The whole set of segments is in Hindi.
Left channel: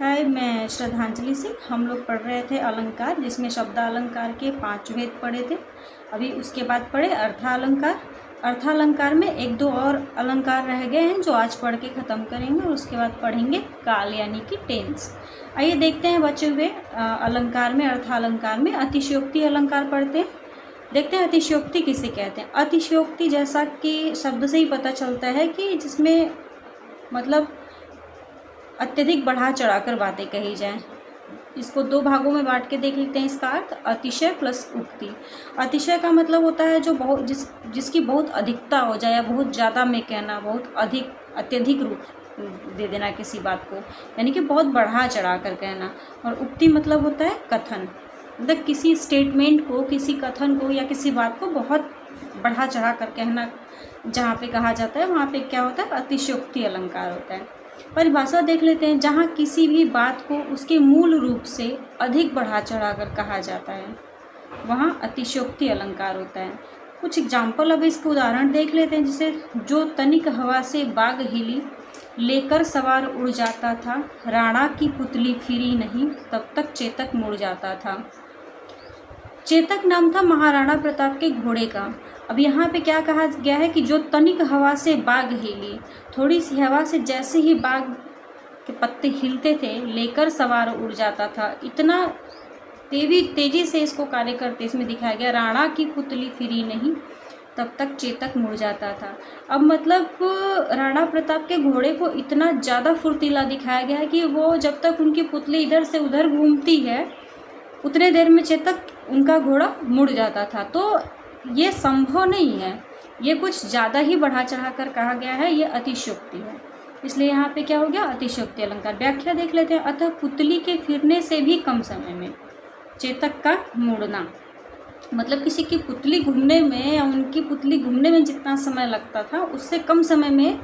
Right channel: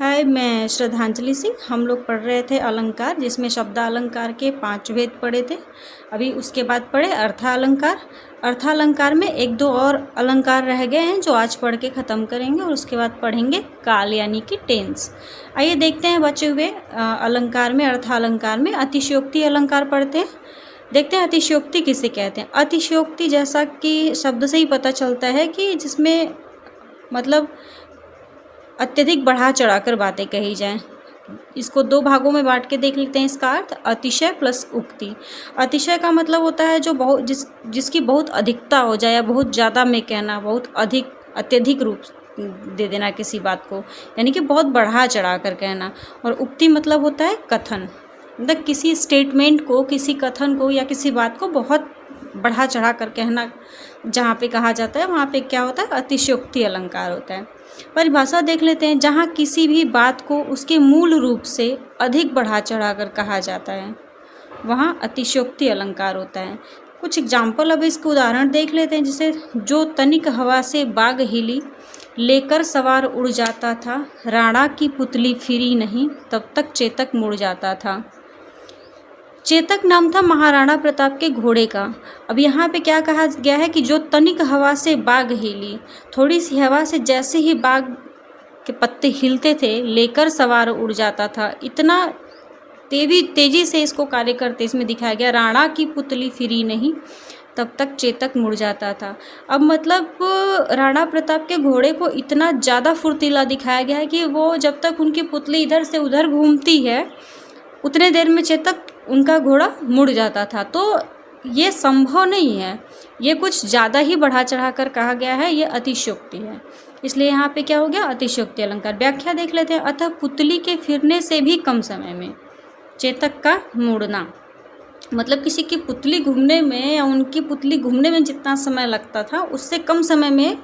हाय, मैं श्रद्धांजलि सिंह। हम लोग पढ़ रहे थे अलंकार, जिसमें शब्दालंकार के 5 भेद पढ़े थे। अभी उसके बाद पढ़े अर्थालंकार। अर्थालंकार में एक दो और अलंकार रह गए हैं जो आज पढ़ के ख़त्म करेंगे, और उसके बाद पढ़ेंगे काल यानी कि टेंस। आइए देखते हैं बचे हुए अलंकार में। अर्थालंकार में अतिशयोक्ति अलंकार पढ़ते हैं। देखते हैं अतिशयोक्ति किसे कहते हैं। अतिशयोक्ति जैसा कि शब्द से ही पता चलता है कि जिसमें मतलब अत्यधिक बढ़ा चढ़ाकर बातें कही जाएं। इसको दो भागों में बांट के देख लेते हैं। इसका अर्थ अतिशय प्लस उक्ति। अतिशय का मतलब होता है जो बहुत जिसकी बहुत अधिकता हो जाए, या बहुत ज़्यादा में कहना, बहुत अधिक अत्यधिक रूप दे देना किसी बात को, यानी कि बहुत बढ़ा चढ़ा कर कहना। और उक्ति मतलब होता है कथन, मतलब किसी स्टेटमेंट को, किसी कथन को या किसी बात को बहुत बढ़ा चढ़ा कर कहना। जहाँ पे कहा जाता है वहाँ पे क्या होता है, अतिशयोक्ति अलंकार होता है। परिभाषा देख लेते हैं। जहाँ किसी भी बात को उसके मूल रूप से अधिक बढ़ा चढ़ा कर कहा जाता है, वहाँ अतिशयोक्ति अलंकार होता है। कुछ एग्जाम्पल, अब इसके उदाहरण देख लेते हैं। जैसे, जो तनिक हवा से बाग हिली, लेकर सवार उड़ जाता था, राणा की पुतली फिरी नहीं, तब तक चेतक मुड़ जाता था। चेतक नाम था महाराणा प्रताप के घोड़े का। अब यहाँ पे क्या कहा गया है कि जो तनिक हवा से बाग हिली, थोड़ी सी हवा से जैसे ही बाग के पत्ते हिलते थे, लेकर सवार उड़ जाता था। इतना तेजी से इसको कार्य करते इसमें दिखाया गया। राणा की पुतली फिरी नहीं, तब तक चेतक मुड़ जाता था। अब मतलब राणा प्रताप के घोड़े को इतना ज़्यादा फुर्तीला दिखाया गया है कि वो जब तक उनकी पुतली इधर से उधर घूमती है, उतने देर में चेतक उनका घोड़ा मुड़ जाता था। तो ये संभव नहीं है, ये कुछ ज़्यादा ही बढ़ा चढ़ा कर कहा गया है, ये अतिशयोक्ति है। इसलिए यहाँ पे क्या हो गया, अतिशयोक्ति अलंकार। व्याख्या देख लेते हैं। अतः पुतली के फिरने से भी कम समय में चेतक का मुड़ना, मतलब किसी की पुतली घूमने में या उनकी पुतली घूमने में जितना समय लगता था, उससे कम समय में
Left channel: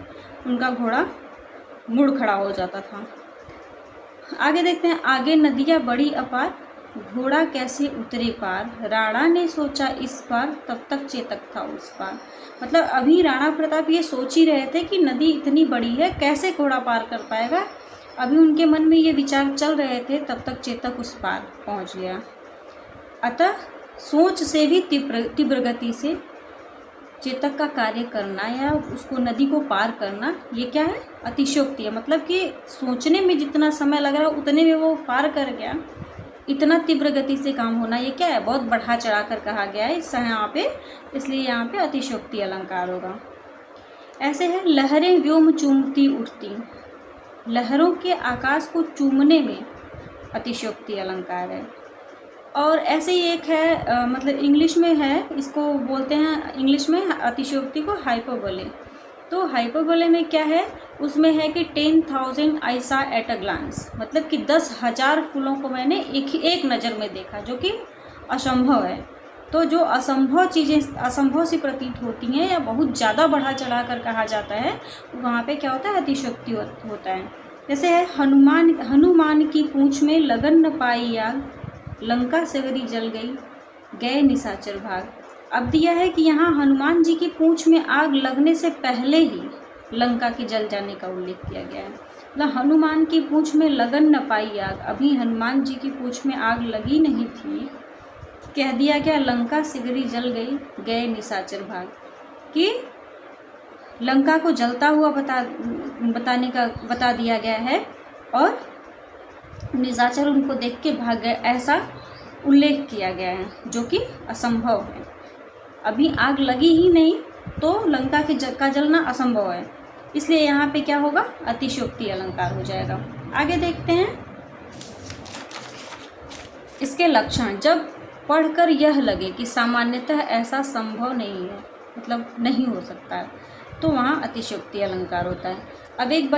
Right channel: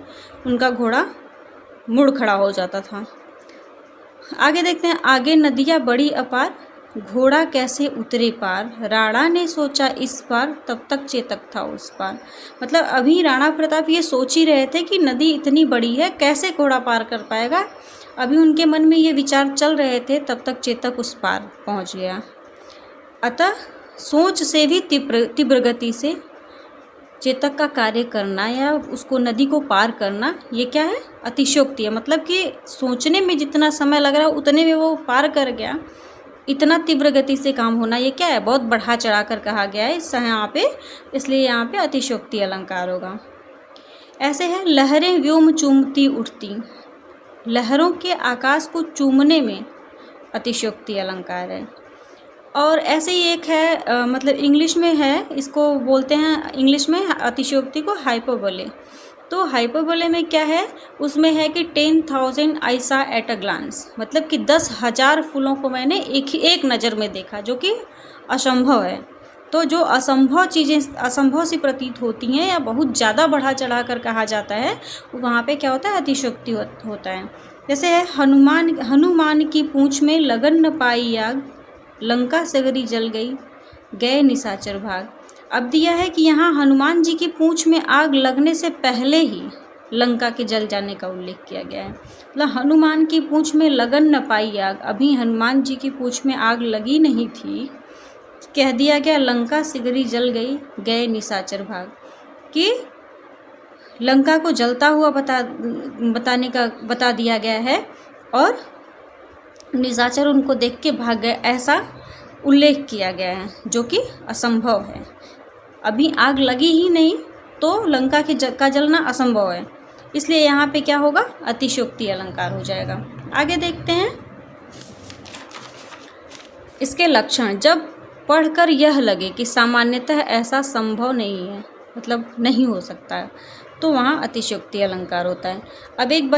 उनका घोड़ा मुड़ खड़ा हो जाता था। आगे देखते हैं। आगे नदियाँ बड़ी अपार, घोड़ा कैसे उतरे पार, राणा ने सोचा इस पार, तब तक चेतक था उस पार। मतलब अभी राणा प्रताप ये सोच ही रहे थे कि नदी इतनी बड़ी है, कैसे घोड़ा पार कर पाएगा। अभी उनके मन में ये विचार चल रहे थे, तब तक चेतक उस पार पहुंच गया। अतः सोच से भी तीव्र गति से चेतक का कार्य करना या उसको नदी को पार करना, ये क्या है, अतिशयोक्ति है। मतलब कि सोचने में जितना समय लग रहा है उतने में वो पार कर गया। इतना तीव्र गति से काम होना, ये क्या है, बहुत बढ़ा चढ़ा कर कहा गया है इस यहाँ पे, इसलिए यहाँ पे अतिशयोक्ति अलंकार होगा। ऐसे है, लहरें व्योम चूमती उठती, लहरों के आकाश को चूमने में अतिशयोक्ति अलंकार है। और ऐसे ही एक है, मतलब इंग्लिश में है, इसको बोलते हैं इंग्लिश में अतिशयोक्ति को हाइपरबोले। तो हाइपरबोले में क्या है, उसमें है कि 10,000 आई सा एट अ ग्लांस, मतलब कि 10,000 फूलों को मैंने एक नज़र में देखा, जो कि असंभव है। तो जो असंभव चीज़ें असंभव सी प्रतीत होती हैं या बहुत ज़्यादा बढ़ा चढ़ा कर कहा जाता है, वहाँ पे क्या होता है, अतिशयोक्ति होता है। जैसे है, हनुमान की पूँछ में लगन न पाई आग, लंका सगरी जल गई, गए निशाचर भाग। अब दिया है कि यहाँ हनुमान जी की पूँछ में आग लगने से पहले ही लंका के जल जाने का उल्लेख किया गया है। मतलब हनुमान की पूँछ में लगन न पाई आग, अभी हनुमान जी की पूँछ में आग लगी नहीं थी, कह दिया गया लंका सिगरी जल गई, गए निशाचर भाग, कि लंका को जलता हुआ बता दिया गया है, और निशाचर उनको देख के भाग गए, ऐसा उल्लेख किया गया है, जो कि असंभव है। अभी आग लगी ही नहीं तो लंका का जलना असंभव है, इसलिए यहाँ पे क्या होगा, अतिशयोक्ति अलंकार हो जाएगा। आगे देखते हैं इसके लक्षण। जब पढ़कर यह लगे कि सामान्यतः ऐसा संभव नहीं है, मतलब नहीं हो सकता है, तो वहाँ अतिशयोक्ति अलंकार होता है। अब एक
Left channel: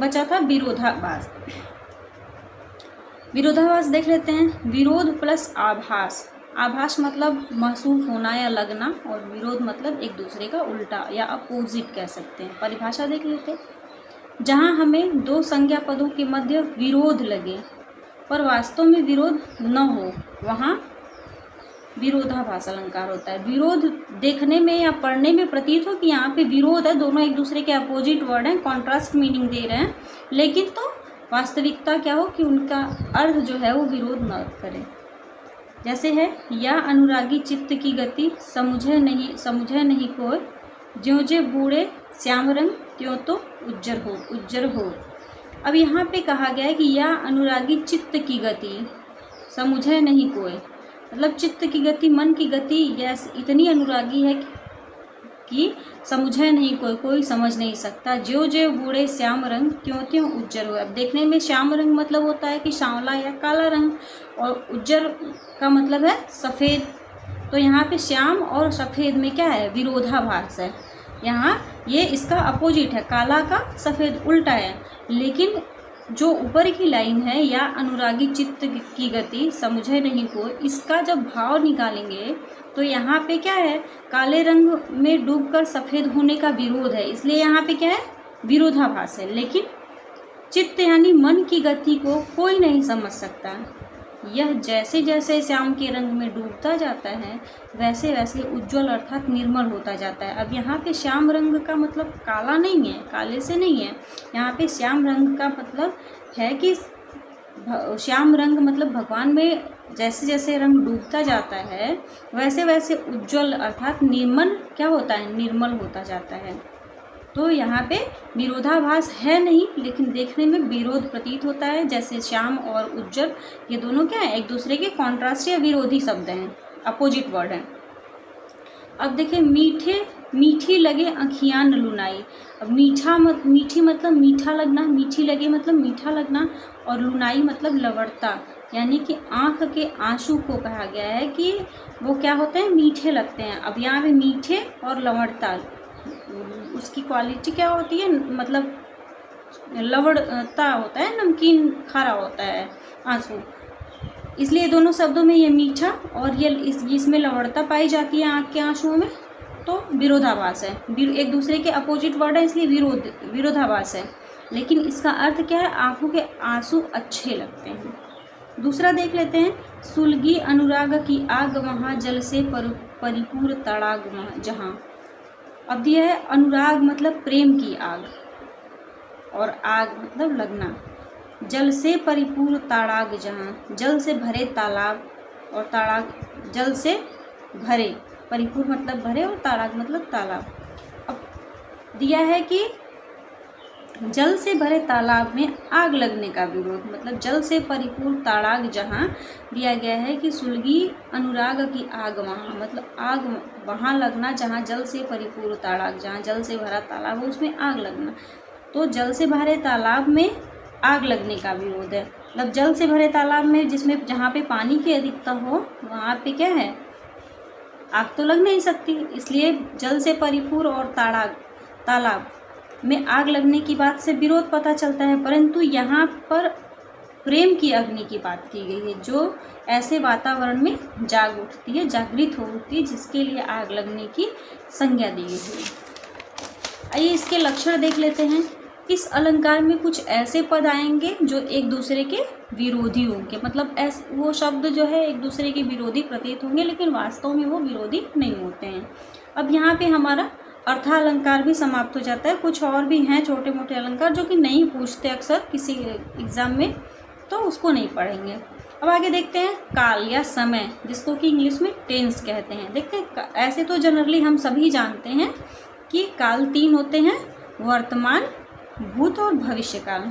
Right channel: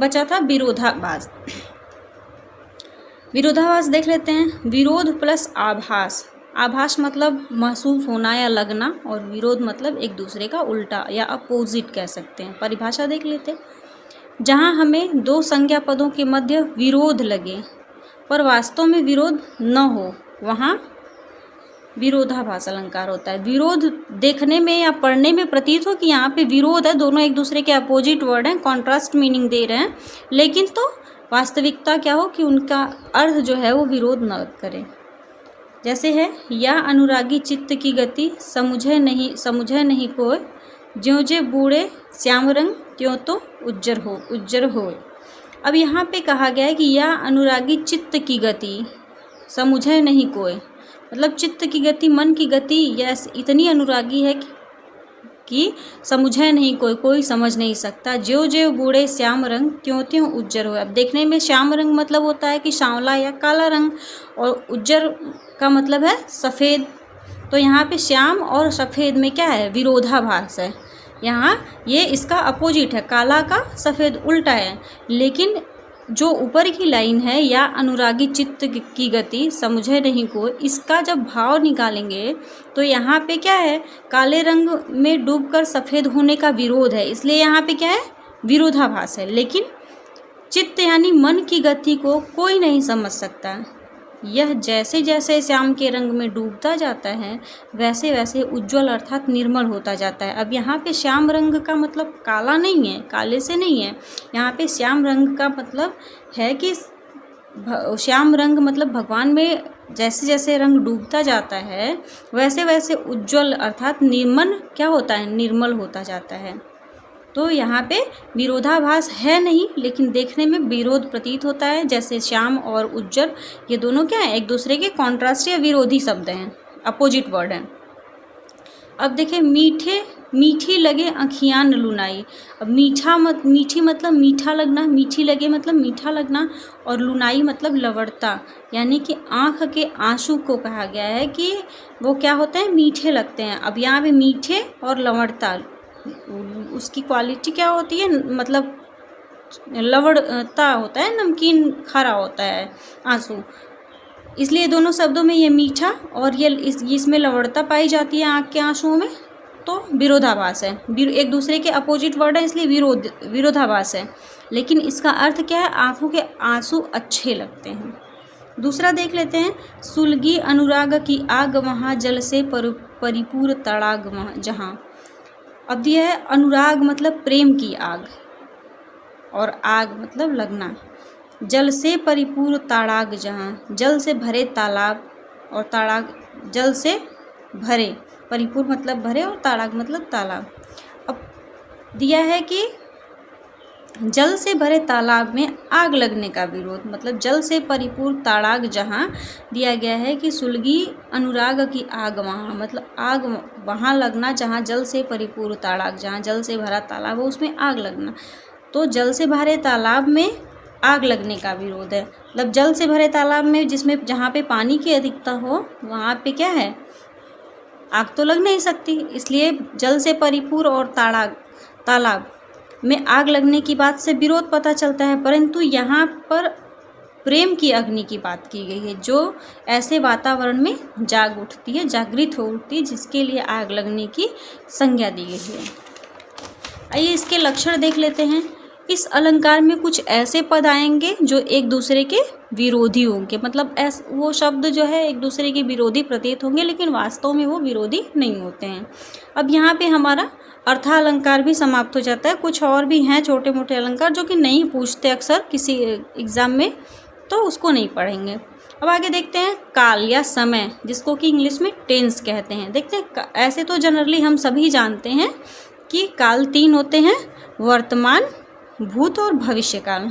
बचा था विरोधाभास। विरोधाभास देख लेते हैं। विरोध प्लस आभास। आभास मतलब महसूस होना या लगना, और विरोध मतलब एक दूसरे का उल्टा या अपोजिट कह सकते हैं। परिभाषा देख लेते हैं। जहाँ हमें दो संज्ञा पदों के मध्य विरोध लगे पर वास्तव में विरोध न हो, वहाँ विरोधाभास अलंकार होता है। विरोध देखने में या पढ़ने में प्रतीत हो कि यहाँ पे विरोध है, दोनों एक दूसरे के अपोजिट वर्ड हैं, कॉन्ट्रास्ट मीनिंग दे रहे हैं, लेकिन तो वास्तविकता क्या हो कि उनका अर्थ जो है वो विरोध न करे। जैसे है, या अनुरागी चित्त की गति समझे नहीं कोय, ज्यों जे बूढ़े श्याम रंग त्यों तो उज्जर हो। अब यहाँ पे कहा गया है कि या अनुरागी चित्त की गति समझे नहीं कोय, मतलब चित्त की गति, मन की गति यह इतनी अनुरागी है कि समझे नहीं कोई समझ नहीं सकता। ज्यों ज्यों बूढ़े श्याम रंग त्यों त्यों उज्जर हो। अब देखने में श्याम रंग मतलब होता है कि सांवला या काला रंग, और उज्जर का मतलब है सफ़ेद। तो यहाँ पे श्याम और सफ़ेद में क्या है, विरोधाभास है। यहाँ ये इसका अपोजिट है, काला का सफ़ेद उल्टा है। लेकिन जो ऊपर की लाइन है, या अनुरागी चित्त की गति समझे नहीं को, इसका जब भाव निकालेंगे तो यहाँ पे क्या है, काले रंग में डूबकर सफ़ेद होने का विरोध है, इसलिए यहाँ पे क्या है, विरोधाभास है। लेकिन चित्त यानी मन की गति को कोई नहीं समझ सकता। यह जैसे जैसे श्याम के रंग में डूबता जाता है वैसे वैसे उज्ज्वल अर्थात निर्मल होता जाता है। अब यहाँ पे श्याम रंग का मतलब काला नहीं है, काले से नहीं है। यहाँ पे श्याम रंग का मतलब है कि श्याम रंग मतलब भगवान में जैसे जैसे रंग डूबता जाता है वैसे वैसे उज्ज्वल अर्थात निर्मल क्या होता है, निर्मल होता जाता है। तो यहाँ पे विरोधाभास है नहीं, लेकिन देखने में विरोध प्रतीत होता है। जैसे श्याम और उज्जर ये दोनों क्या है, एक दूसरे के कॉन्ट्रास्ट या विरोधी शब्द हैं, अपोजिट वर्ड हैं। अब देखिए, मीठी लगे अखियाँ न लुनाई। अब मीठी मतलब मीठा लगना, मीठी लगे मतलब मीठा लगना, और लुनाई मतलब लवड़ता, यानी कि आँख के आंसू को कहा गया है कि वो क्या होते हैं, मीठे लगते हैं। अब यहाँ पे मीठे और लवड़ता, उसकी क्वालिटी क्या होती है, मतलब लवड़ता होता है, नमकीन खारा होता है आंसू, इसलिए दोनों शब्दों में ये मीठा और ये इसमें लवड़ता पाई जाती है आँख के आंसुओं में। तो विरोधाभास है, एक दूसरे के अपोजिट वर्ड है, इसलिए विरोधाभास है। लेकिन इसका अर्थ क्या है, आंखों के आंसू अच्छे लगते हैं। दूसरा देख लेते हैं, सुलगी अनुराग की आग वहाँ, जल से परिपूर्ण तड़ाग जहाँ। अब यह है, अनुराग मतलब प्रेम की आग, और आग मतलब लगना। जल से परिपूर्ण ताड़ाग जहाँ, जल से भरे तालाब, और ताड़ाग जल से भरे, परिपूर्ण मतलब भरे और ताड़ाग मतलब तालाब। अब दिया है कि जल से भरे तालाब में आग लगने का विरोध, मतलब जल से परिपूर्ण ताड़ाग जहाँ दिया गया है कि सुलगी अनुराग की आग वहाँ, मतलब आग वहाँ लगना जहाँ जल से परिपूर्ण ताड़ाग, जहाँ जल से भरा तालाब हो उसमें आग लगना। तो जल से भरे तालाब में आग लगने का विरोध है, मतलब जल से भरे तालाब में जिसमें जहाँ पे पानी की अधिकता हो वहाँ पे क्या है, आग तो लग नहीं सकती, इसलिए जल से परिपूर्ण और तालाब में आग लगने की बात से विरोध पता चलता है। परंतु यहाँ पर प्रेम की अग्नि की बात की गई है, जो ऐसे वातावरण में जाग उठती है, जागृत हो उठती है, जिसके लिए आग लगने की संज्ञा दी गई है। आइए इसके लक्षण देख लेते हैं। इस अलंकार में कुछ ऐसे पद आएंगे जो एक दूसरे के विरोधी होंगे, मतलब वो शब्द जो है एक दूसरे के विरोधी प्रतीत होंगे, लेकिन वास्तव में वो विरोधी नहीं होते हैं। अब यहाँ पे हमारा अर्थालंकार भी समाप्त हो जाता है। कुछ और भी हैं छोटे मोटे अलंकार जो कि नहीं पूछते अक्सर किसी एग्ज़ाम में, तो उसको नहीं पढ़ेंगे। अब आगे देखते हैं, काल या समय, जिसको कि इंग्लिश में टेंस कहते हैं। देखते हैं, ऐसे तो जनरली हम सभी जानते हैं कि काल 3 होते हैं, वर्तमान, भूत और भविष्य काल।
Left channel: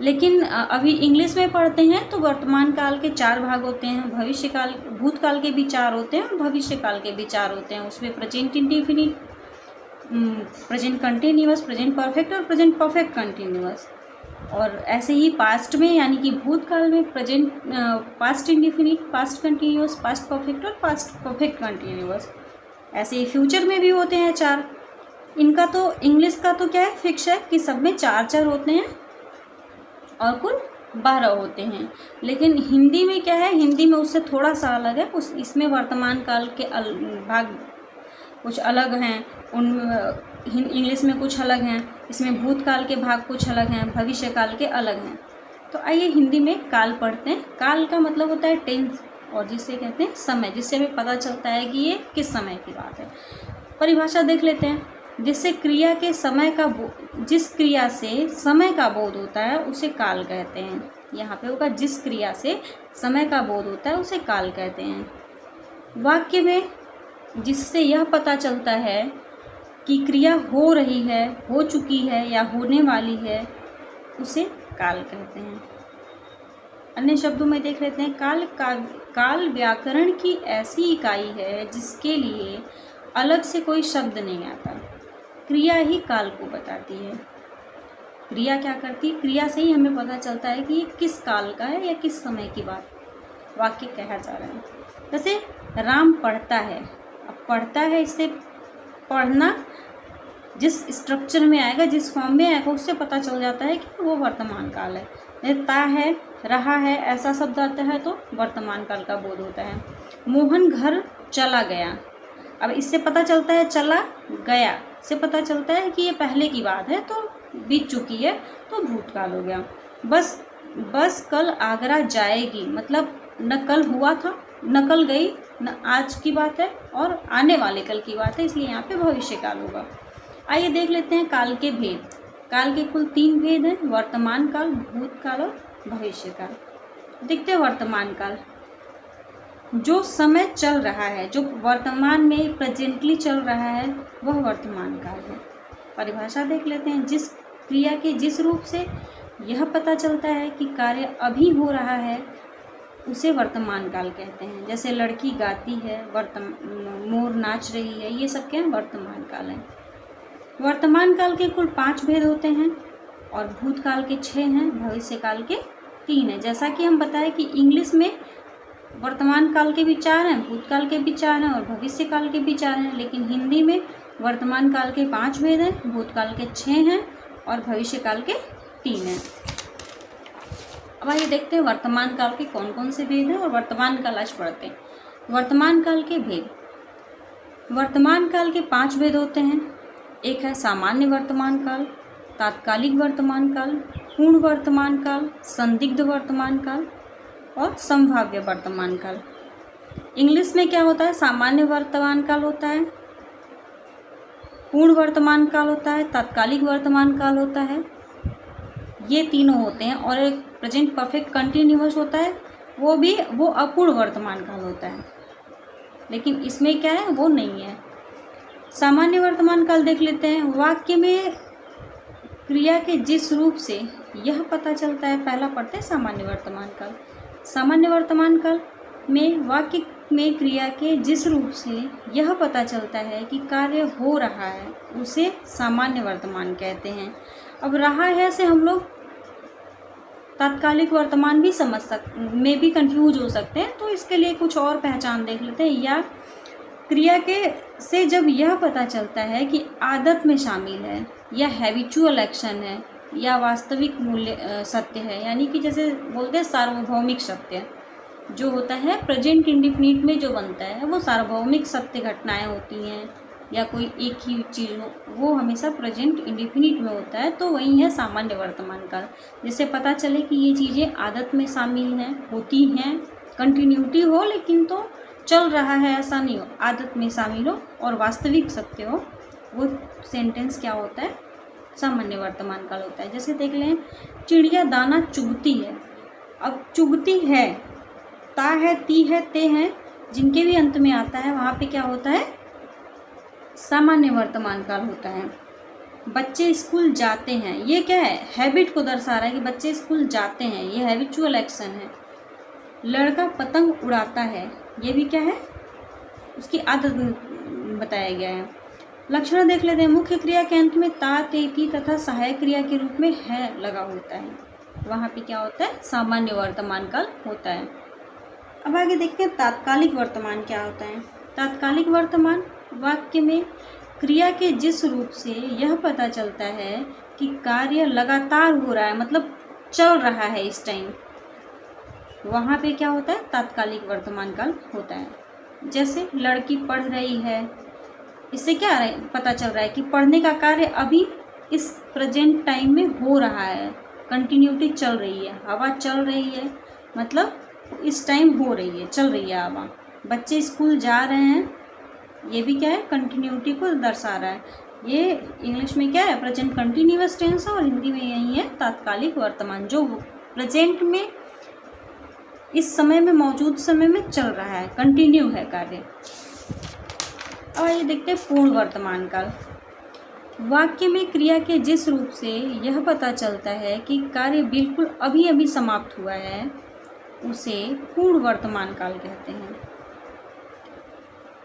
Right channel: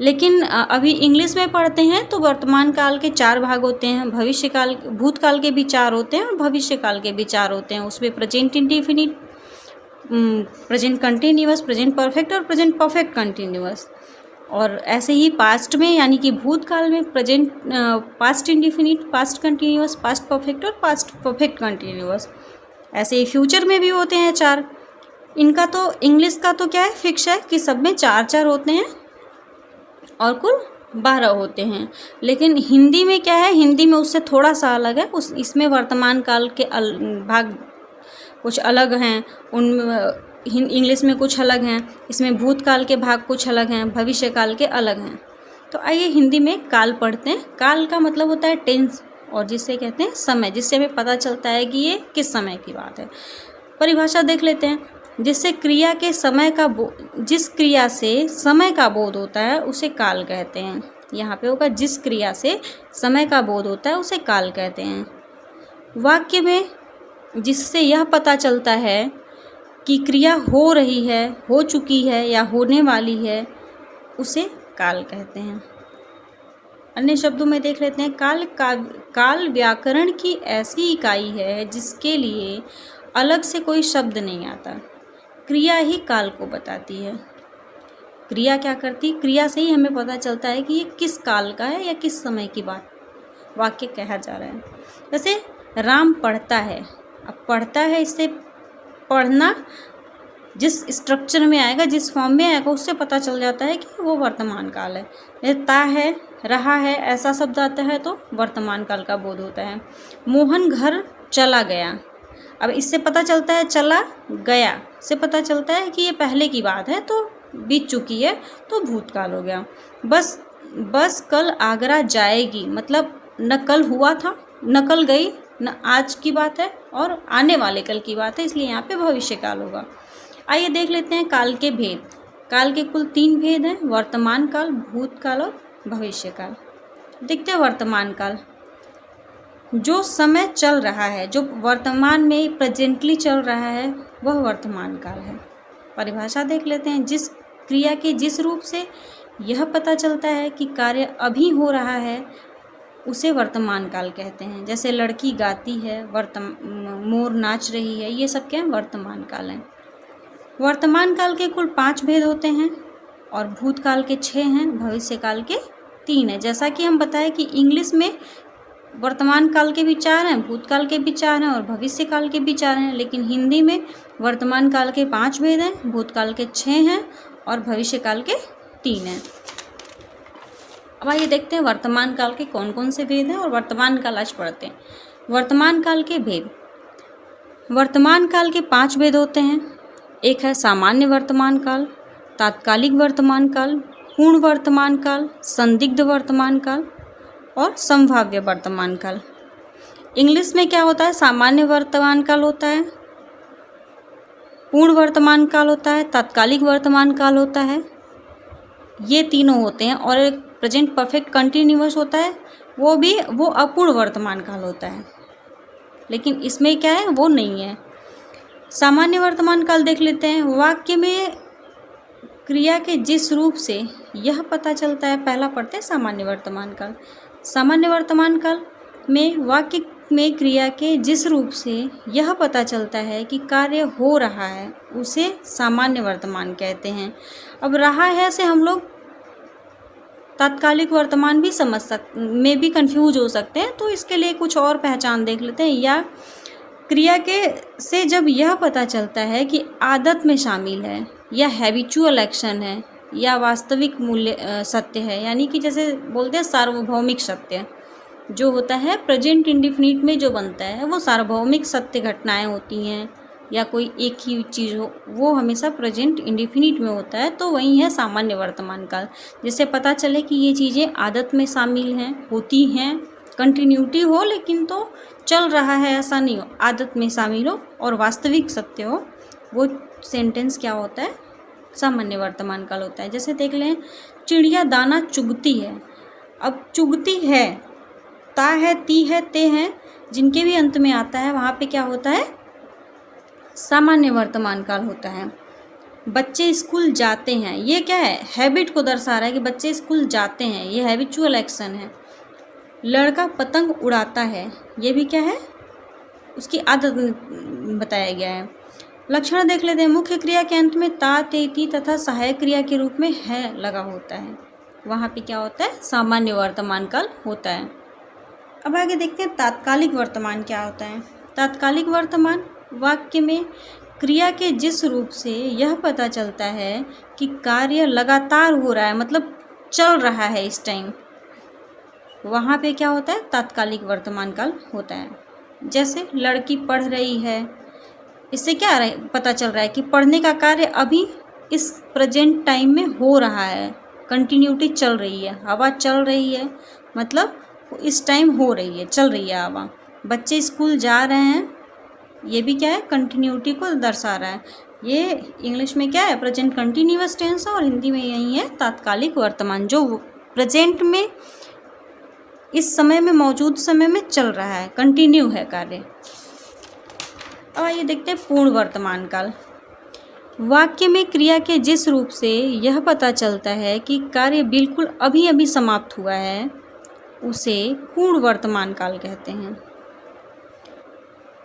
लेकिन अभी इंग्लिश में पढ़ते हैं तो वर्तमान काल के 4 भाग होते हैं, भविष्य काल, भूत काल के भी 4 होते हैं, और भविष्य काल के भी 4 होते हैं। उसमें present indefinite, present continuous, present perfect और प्रेजेंट परफेक्ट कंटिन्यूअस। और ऐसे ही पास्ट में, यानी कि भूतकाल में present, past indefinite, past continuous, past perfect और पास्ट परफेक्ट कंटिन्यूअस। ऐसे ही फ्यूचर में भी होते हैं 4। इनका तो इंग्लिश का तो क्या है, फिक्स है कि सब में 4 होते हैं और कुल 12 होते हैं। लेकिन हिंदी में क्या है, हिंदी में उससे थोड़ा सा अलग है। इसमें वर्तमान काल के भाग कुछ अलग हैं, इंग्लिश में कुछ अलग हैं, इसमें भूतकाल के भाग कुछ अलग हैं, भविष्य काल के अलग हैं। तो आइए हिंदी में काल पढ़ते हैं। काल का मतलब होता है टेंस, और जिसे कहते हैं समय, जिससे हमें पता चलता है कि ये किस समय की बात है। परिभाषा देख लेते हैं। जिस क्रिया से समय का बोध होता है उसे काल कहते हैं। यहाँ पे होगा जिस क्रिया से समय का बोध होता है उसे काल कहते हैं। वाक्य में जिससे यह पता चलता है कि क्रिया हो रही है, हो चुकी है या होने वाली है, उसे काल कहते हैं। अन्य शब्दों में देख लेते हैं, काल व्याकरण की ऐसी इकाई है जिसके लिए अलग से कोई शब्द नहीं आता। क्रिया ही काल को बताती है। क्रिया क्या करती? क्रिया से ही हमें पता चलता है कि ये किस काल का है या किस समय की बात वाक्य कहा जा रहा है। जैसे राम पढ़ता है, अब पढ़ता है, इससे पढ़ना जिस स्ट्रक्चर में आएगा, जिस फॉर्म में आएगा, उससे पता चल जाता है कि वो वर्तमान काल है। जैसे ता है, रहा है, ऐसा शब्द आता है तो वर्तमान काल का बोध होता है। मोहन घर चला गया, अब इससे पता चलता है चला गया से पता चलता है कि ये पहले की बात है, तो बीत चुकी है, तो भूतकाल हो गया। बस कल आगरा जाएगी, मतलब न कल हुआ था, न कल गई, न आज की बात है और आने वाले कल की बात है, इसलिए यहाँ पे भविष्य काल होगा। आइए देख लेते हैं काल के भेद। काल के कुल 3 भेद हैं, वर्तमान काल, भूतकाल और भविष्य काल। देखते हैं वर्तमान काल। जो समय चल रहा है, जो वर्तमान में प्रेजेंटली चल रहा है, वह वर्तमान काल है। परिभाषा देख लेते हैं। जिस क्रिया के जिस रूप से यह पता चलता है कि कार्य अभी हो रहा है, उसे वर्तमान काल कहते हैं। जैसे लड़की गाती है, मोर नाच रही है, ये सब क्या है? वर्तमान काल है। वर्तमान काल के कुल 5 भेद होते हैं और भूतकाल के 6 हैं, भविष्य काल के 3 हैं। जैसा कि हम बताएं कि इंग्लिश में वर्तमान काल के भी 4 हैं, भूतकाल के भी 4 हैं और भविष्य काल के भी 4 हैं, लेकिन हिंदी में वर्तमान काल के 5 भेद हैं, भूतकाल के 6 हैं और भविष्य काल के 3 हैं। अब आइए देखते हैं वर्तमान काल के कौन कौन से भेद हैं और वर्तमान काल आज पढ़ते हैं। वर्तमान काल के भेद। वर्तमान काल के 5 भेद होते हैं। एक है सामान्य वर्तमान काल, तात्कालिक वर्तमान काल, पूर्ण वर्तमान काल, संदिग्ध वर्तमान काल और संभाव्य वर्तमान काल। इंग्लिश में क्या होता है? सामान्य वर्तमान काल होता है, पूर्ण वर्तमान काल होता है, तात्कालिक वर्तमान काल होता है, ये तीनों होते हैं। और एक प्रेजेंट परफेक्ट कंटिन्यूअस होता है, वो अपूर्ण वर्तमान काल होता है, लेकिन इसमें क्या है? वो नहीं है। सामान्य वर्तमान काल देख लेते हैं। वाक्य में क्रिया के जिस रूप से यह पता चलता है, पहला पढ़ते हैं सामान्य वर्तमान काल। सामान्य वर्तमान काल में वाक्य में क्रिया के जिस रूप से यह पता चलता है कि कार्य हो रहा है, उसे सामान्य वर्तमान कहते हैं। अब रहा है से हम लोग तात्कालिक वर्तमान भी में भी कंफ्यूज हो सकते हैं, तो इसके लिए कुछ और पहचान देख लेते हैं। या क्रिया के से जब यह पता चलता है कि आदत में शामिल है या हैबिचुअल एक्शन है या वास्तविक मूल्य सत्य है, यानी कि जैसे बोलते हैं सार्वभौमिक सत्य जो होता है, प्रेजेंट इंडिफिनिट में जो बनता है वो सार्वभौमिक सत्य घटनाएं होती हैं, या कोई एक ही चीज़ हो, वो हमेशा प्रेजेंट इंडिफिनिट में होता है, तो वही है सामान्य वर्तमान काल। जिससे पता चले कि ये चीज़ें आदत में शामिल हैं, होती हैं, कंटिन्यूटी हो, लेकिन तो चल रहा है ऐसा नहीं हो, आदत में शामिल हो और वास्तविक सत्य हो, वो सेंटेंस क्या होता है? सामान्य वर्तमान काल होता है। जैसे देख लें, चिड़िया दाना चुगती है। अब चुगती है, ता है, ती है, ते हैं, जिनके भी अंत में आता है वहाँ पे क्या होता है? सामान्य वर्तमान काल होता है। बच्चे स्कूल जाते हैं, ये क्या है? हैबिट को दर्शा रहा है कि बच्चे स्कूल जाते हैं, ये हैबिचुअल एक्शन है। लड़का पतंग उड़ाता है, ये भी क्या है? उसकी आदत बताया गया है। लक्षण देख लेते हैं। मुख्य क्रिया के अंत में ता, ते, ती तथा सहायक क्रिया के रूप में है लगा होता है, वहाँ पे क्या होता है? सामान्य वर्तमान काल होता है। अब आगे देखते हैं तात्कालिक वर्तमान क्या होता है। तात्कालिक वर्तमान वाक्य में क्रिया के जिस रूप से यह पता चलता है कि कार्य लगातार हो रहा है, मतलब चल रहा है इस टाइम, वहाँ पे क्या होता है? तात्कालिक वर्तमान काल होता है। जैसे लड़की पढ़ रही है, इससे क्या पता चल रहा है कि पढ़ने का कार्य अभी इस प्रेजेंट टाइम में हो रहा है, कंटिन्यूटी चल रही है, हवा चल रही है, मतलब इस टाइम हो रही है, चल रही है हवा। बच्चे स्कूल जा रहे हैं, ये भी क्या है? कंटिन्यूटी को दर्शा रहा है। ये इंग्लिश में क्या है, प्रेजेंट कंटिन्यूअस टेंस है, और हिंदी में यही है तात्कालिक वर्तमान, जो प्रेजेंट में इस समय में, मौजूद समय में चल रहा है, कंटिन्यू है कार्य। अब आइए देखते हैं पूर्ण वर्तमान काल। वाक्य में क्रिया के जिस रूप से यह पता चलता है कि कार्य बिल्कुल अभी अभी समाप्त हुआ है, उसे पूर्ण वर्तमान काल कहते हैं।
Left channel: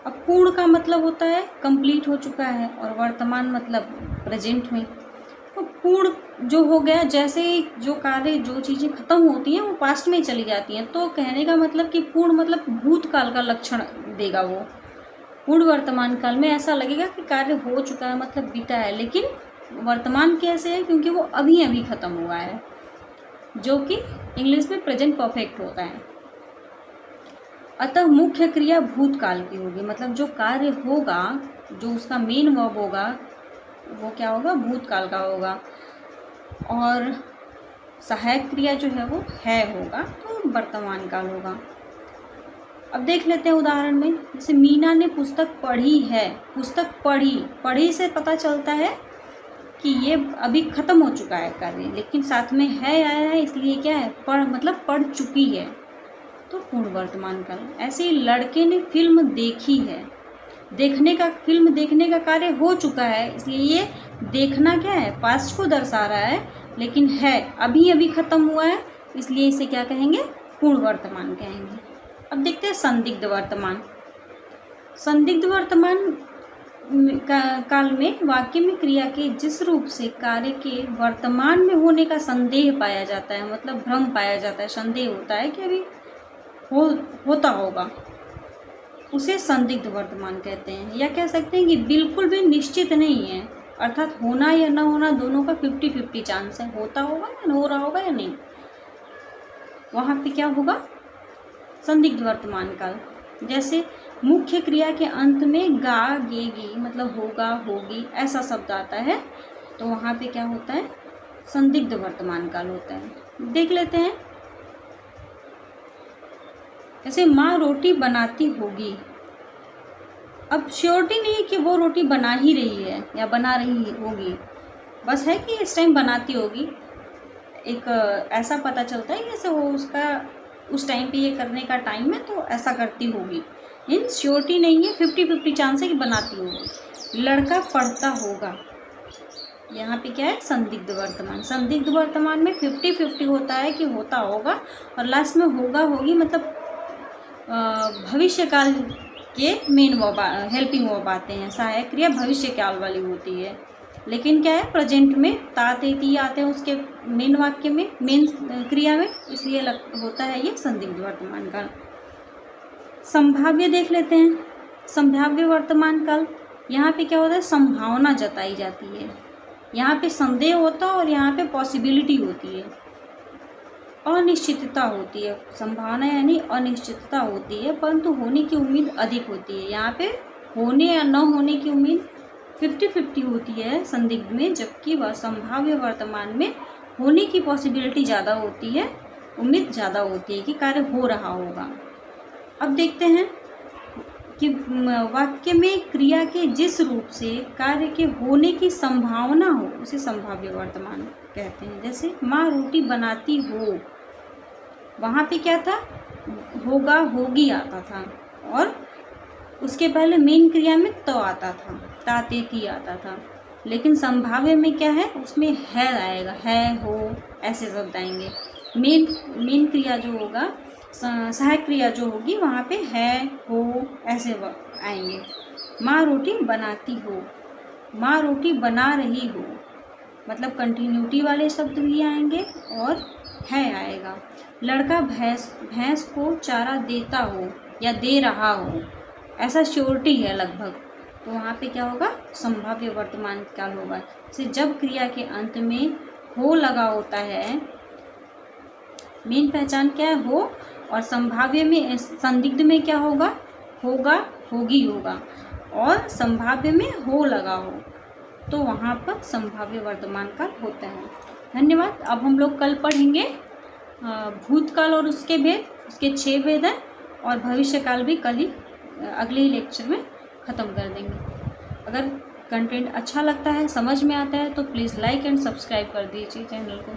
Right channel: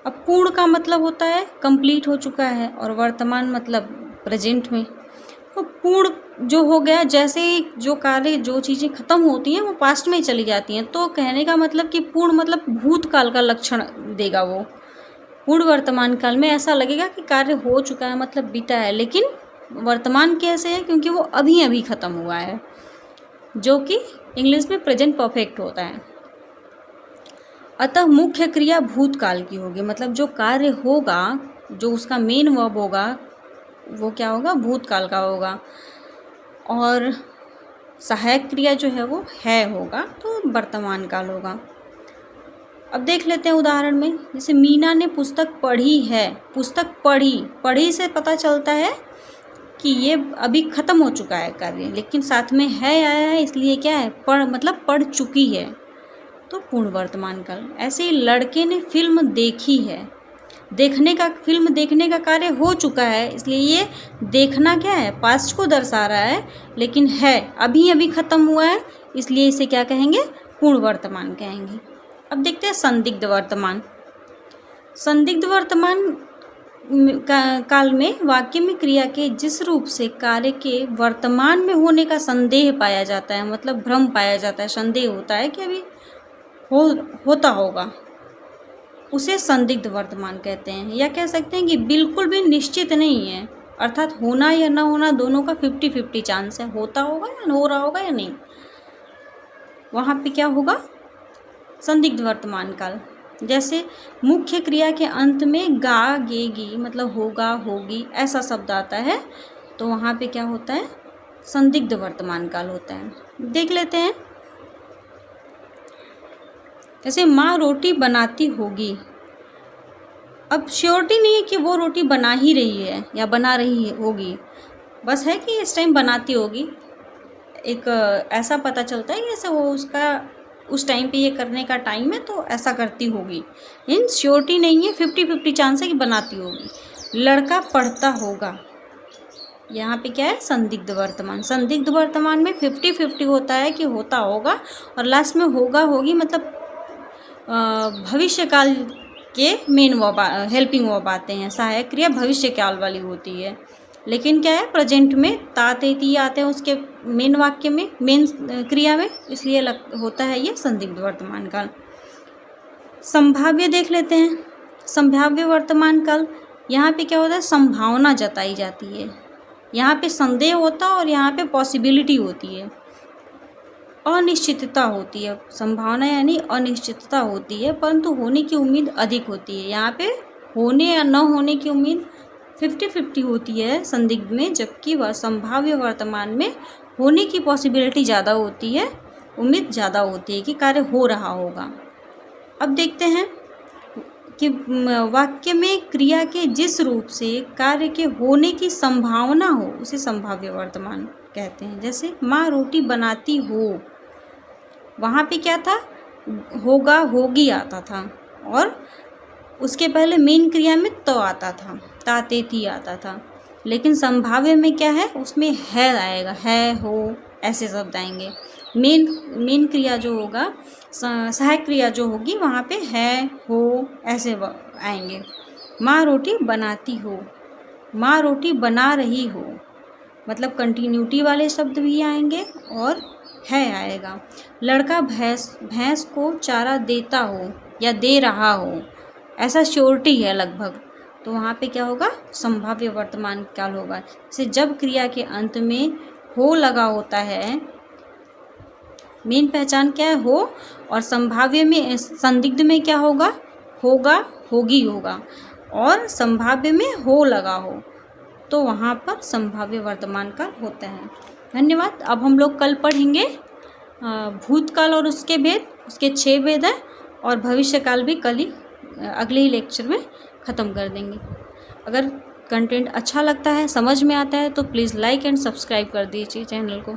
अब पूर्ण का मतलब होता है कंप्लीट हो चुका है, और वर्तमान मतलब प्रेजेंट में। तो पूर्ण जो हो गया, जैसे जो कार्य, जो चीज़ें खत्म होती हैं वो पास्ट में चली जाती हैं, तो कहने का मतलब कि पूर्ण मतलब भूतकाल का लक्षण देगा वो। पूर्ण वर्तमान काल में ऐसा लगेगा कि कार्य हो चुका है, मतलब बीता है, लेकिन वर्तमान कैसे है, क्योंकि वो अभी अभी खत्म हुआ है, जो कि इंग्लिश में प्रेजेंट परफेक्ट होता है। अतः मुख्य क्रिया भूतकाल की होगी, मतलब जो कार्य होगा, जो उसका मेन वर्ब होगा, वो क्या होगा, भूतकाल का होगा, और सहायक क्रिया जो है वो है होगा, तो वर्तमान काल होगा। अब देख लेते हैं उदाहरण में, जैसे मीना ने पुस्तक पढ़ी है। पुस्तक पढ़ी से पता चलता है कि ये अभी ख़त्म हो चुका है कार्य, लेकिन साथ में है आया है, इसलिए क्या है, पढ़ मतलब पढ़ चुकी है, तो पूर्ण वर्तमान काल। ऐसे ही लड़के ने फिल्म देखी है। फिल्म देखने का कार्य हो चुका है, इसलिए ये देखना क्या है, पास्ट को दर्शा रहा है, लेकिन है अभी अभी ख़त्म हुआ है, इसलिए इसे क्या कहेंगे, पूर्ण वर्तमान कहेंगे। अब देखते हैं संदिग्ध वर्तमान। संदिग्ध वर्तमान काल में वाक्य में क्रिया के जिस रूप से कार्य के वर्तमान में होने का संदेह पाया जाता है, मतलब भ्रम पाया जाता है, संदेह होता है कि अभी होता होगा, उसे संदिग्ध वर्तमान कहते हैं। या कह सकते हैं कि बिल्कुल भी निश्चित नहीं है, अर्थात होना या ना होना दोनों का 50-50 चांस है, होता होगा या हो रहा होगा या नहीं, वहाँ पे क्या होगा, संदिग्ध वर्तमान काल। जैसे मुख्य क्रिया के अंत में गा, गेगी मतलब होगा, होगी ऐसा शब्द आता है, तो वहाँ पे क्या होता है, संदिग्ध वर्तमान काल होता है। देख लेते हैं, जैसे माँ रोटी बनाती होगी। अब श्योरिटी नहीं है कि वो रोटी बना ही रही है या बना रही है होगी, बस है कि इस टाइम बनाती होगी, एक ऐसा पता चलता है कि जैसे वो उसका उस टाइम पे ये करने का टाइम है, तो ऐसा करती होगी, इन श्योरिटी नहीं है, 50-50 चांस है कि बनाती होगी। लड़का पढ़ता होगा, यहाँ पे क्या है, संदिग्ध वर्तमान। संदिग्ध वर्तमान में 50-50 होता है कि होता होगा, और लास्ट में होगा, होगी मतलब भविष्य काल के मेन वर्ब, हेल्पिंग वर्ब आते हैं। सहायक क्रिया भविष्य काल वाली होती है, लेकिन क्या है, प्रेजेंट में ता, ते, ती आते हैं उसके मेन वाक्य में, मेन क्रिया में, इसलिए होता है ये संदिग्ध वर्तमान काल। संभाव्य देख लेते हैं। संभाव्य वर्तमान काल, यहाँ पे क्या होता है, संभावना जताई जाती है, यहाँ पे संदेह होता है और यहाँ पे पॉसिबिलिटी होती है, अनिश्चितता होती है। संभावना यानी अनिश्चितता होती है, परंतु होने की उम्मीद अधिक होती है। यहाँ पे होने या न होने की उम्मीद 50-50 होती है संदिग्ध में, जबकि वह संभाव्य वर्तमान में होने की पॉसिबिलिटी ज़्यादा होती है, उम्मीद ज़्यादा होती है कि कार्य हो रहा होगा। अब देखते हैं कि वाक्य में क्रिया के जिस रूप से कार्य के होने की संभावना हो, उसे संभाव्य वर्तमान कहते हैं। जैसे माँ रोटी बनाती हो, वहाँ पे क्या था, होगा, होगी आता था, और उसके पहले मेन क्रिया में तो आता था, ता, ते, ती आता था, लेकिन संभाव्य में क्या है, उसमें है आएगा, है, हो ऐसे शब्द आएंगे। मेन क्रिया जो होगा, सहायक क्रिया जो होगी, वहाँ पे है, हो ऐसे आएंगे। माँ रोटी बनाती हो, माँ रोटी बना रही हो, मतलब कंटिन्यूटी वाले शब्द भी आएंगे और है आएगा। लड़का भैंस को चारा देता हो या दे रहा हो, ऐसा श्योरिटी है लगभग, तो वहाँ पे क्या होगा, संभाव्य वर्तमान काल होगा। जैसे जब क्रिया के अंत में हो लगा होता है, मेन पहचान क्या है, हो, और संभाव्य में, संदिग्ध में क्या होगा, होगा, होगी होगा, और संभाव्य में हो लगा हो, तो वहाँ पर संभाव्य वर्तमान काल होता है। धन्यवाद। अब हम लोग कल पढ़ेंगे भूतकाल और उसके भेद, उसके 6 भेद हैं, और भविष्य काल भी कल ही अगले ही लेक्चर में ख़त्म कर देंगे। अगर कंटेंट अच्छा लगता है, समझ में आता है तो प्लीज़ लाइक एंड सब्सक्राइब कर दीजिए चैनल को।